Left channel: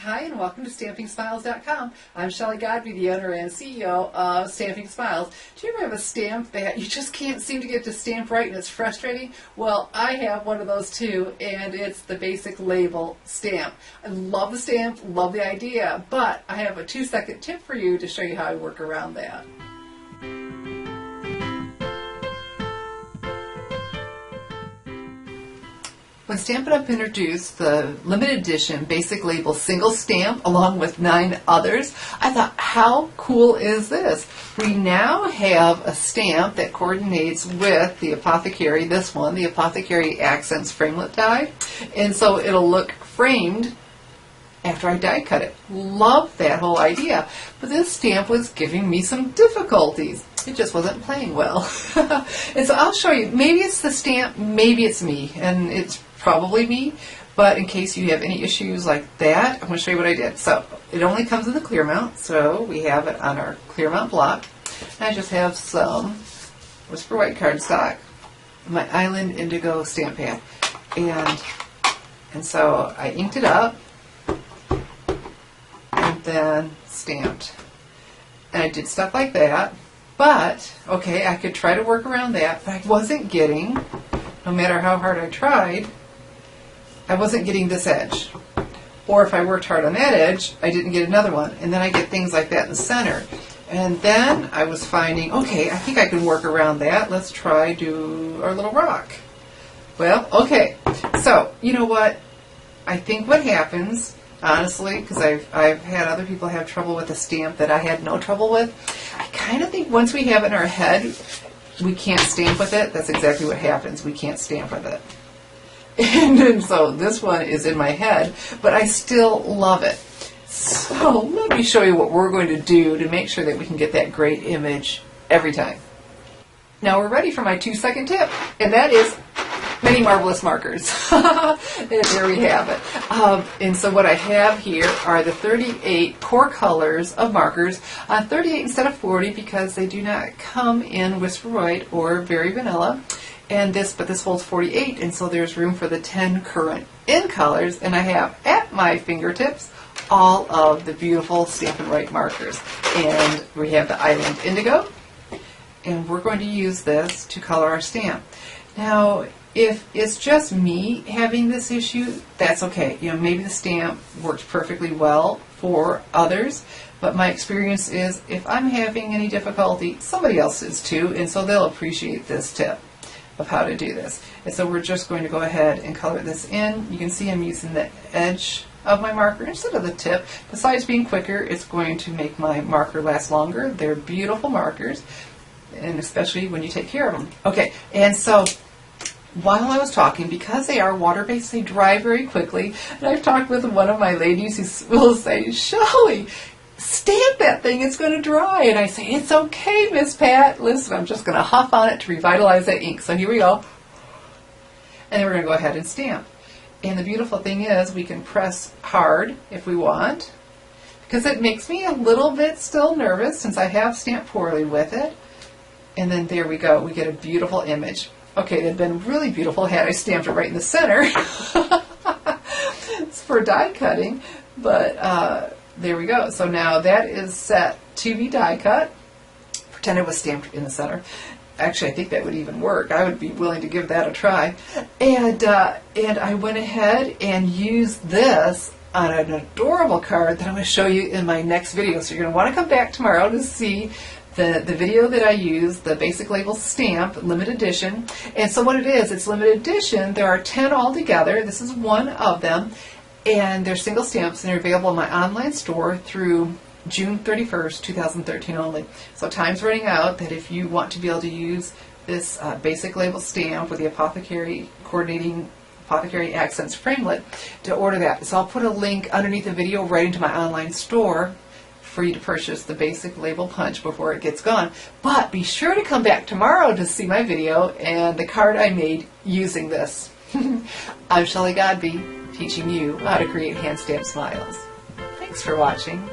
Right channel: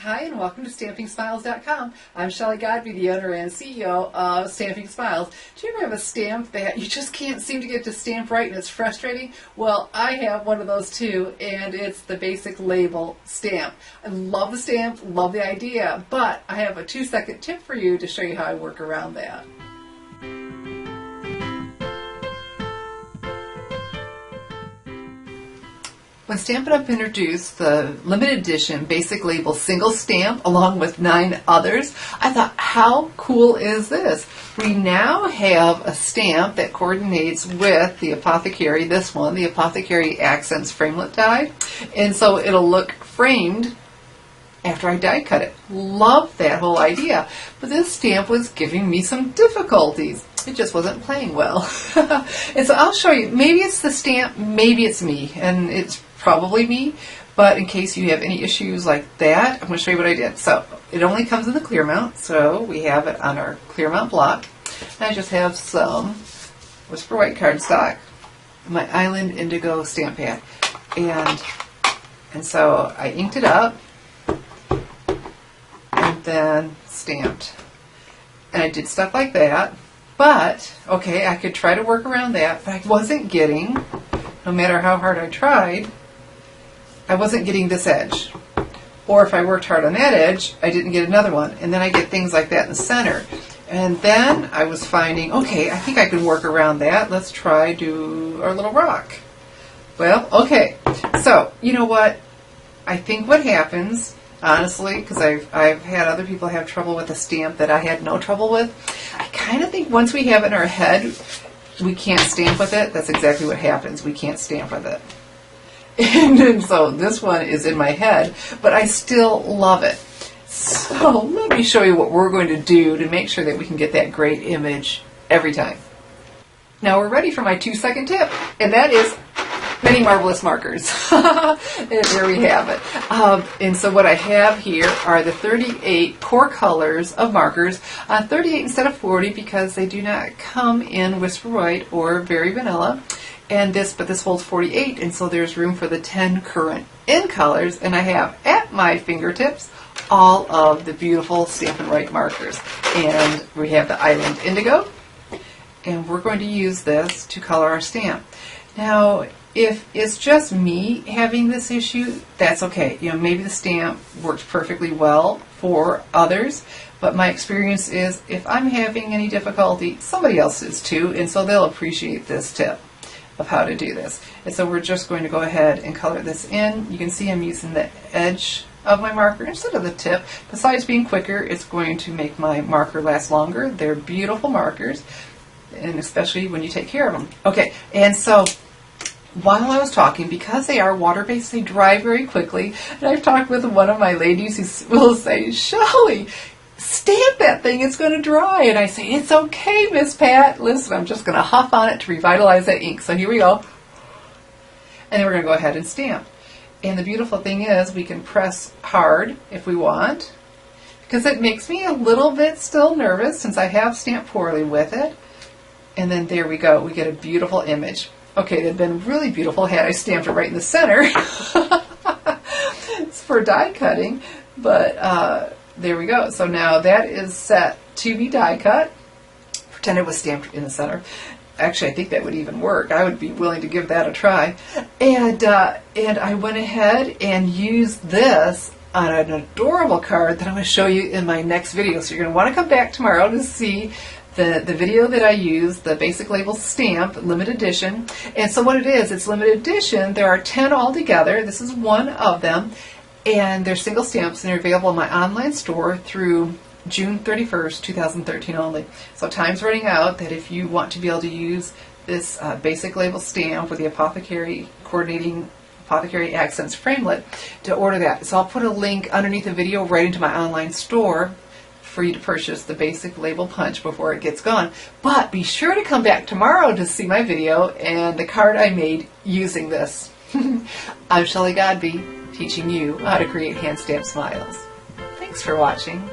Hi, and welcome to StampingSmiles.com. I'm Shelley Godby, the owner and CEO of Stamping Smiles. Do you ever have a stamp that you just can't seem to get to stamp right and it's frustrating? Well, I have one of those too, and it's the basic label stamp. I love the stamp, love the idea, but I have a 2-second tip for you to show you how I work around that. When Stampin' Up! Introduced the limited edition basic label single stamp along with 9 others, I thought, how cool is this? We now have a stamp that coordinates with the Apothecary, this one, the Apothecary Accents Framelit die, and so it'll look framed after I die cut it. Love that whole idea. But this stamp was giving me some difficulties. It just wasn't playing well. And so I'll show you. Maybe it's the stamp, maybe it's me, and it's probably me, but in case you have any issues like that, I'm going to show you what I did. So it only comes in the clear mount, so we have it on our clear mount block. I just have some Whisper White cardstock, my Island Indigo stamp pad, and so I inked it up and then stamped. And I did stuff like that, but okay, I could try to work around that, but I wasn't getting, no matter how hard I tried, I wasn't getting this edge. Or if I worked hard on that edge, I didn't get another one. And then I get things like that in the center. And then I was finding, okay, I think I can work around that. Let's try do our little rock. Well, okay. So, you know what? I think what happens, honestly, because I've had other people have trouble with a stamp that I had no trouble with, I kind of think once we have it in our head, we can't stamp with it. That's exactly what happens. We can't stamp with it. And so this one is in my head, but I still love it. So let me show you what we're going to do to make sure that we can get that great image every time. Now we're ready for my 2-second tip, and that is many marvelous markers. And there we have it. And so what I have here are the 38 core colors of markers. 38 instead of 40 because they do not come in Whisper White or Very Vanilla. And but this holds 48, and so there's room for the 10 current in colors. And I have at my fingertips all of the beautiful Stampin' Right markers. And we have the Island Indigo, and we're going to use this to color our stamp. Now, if it's just me having this issue, that's okay. You know, maybe the stamp works perfectly well for others, but my experience is if I'm having any difficulty, somebody else is too, and so they'll appreciate this tip of how to do this. And so we're just going to go ahead and color this in. You can see I'm using the edge of my marker instead of the tip. Besides being quicker, it's going to make my marker last longer. They're beautiful markers, and especially when you take care of them. Okay, and so while I was talking, because they are water-based, they dry very quickly. And I've talked with one of my ladies who will say, Shelley, stamp that thing, it's going to dry. And I say, it's okay, Miss Pat. Listen, I'm just going to huff on it to revitalize that ink. So here we go. And then we're going to go ahead and stamp. And the beautiful thing is we can press hard if we want, because it makes me a little bit still nervous since I have stamped poorly with it. And then there we go. We get a beautiful image. Okay, it'd been really beautiful had I stamped it right in the center. It's for die cutting, but there we go. So now that is set to be die cut. Pretend it was stamped in the center. Actually, I think that would even work. I would be willing to give that a try. And I went ahead and used this on an adorable card that I'm going to show you in my next video. So you're going to want to come back tomorrow to see the video that I used, the basic label stamp, limited edition. And so what it is, it's limited edition. There are 10 altogether. This is one of them. And they're single stamps, and they're available in my online store through June 31st, 2013 only. So time's running out that if you want to be able to use this basic label stamp with the Apothecary coordinating Apothecary Accents Framelit to order that. So I'll put a link underneath the video right into my online store for you to purchase the basic label punch before it gets gone. But be sure to come back tomorrow to see my video and the card I made using this. I'm Shelley Godby, teaching you how to create hand stamped smiles. Thanks for watching.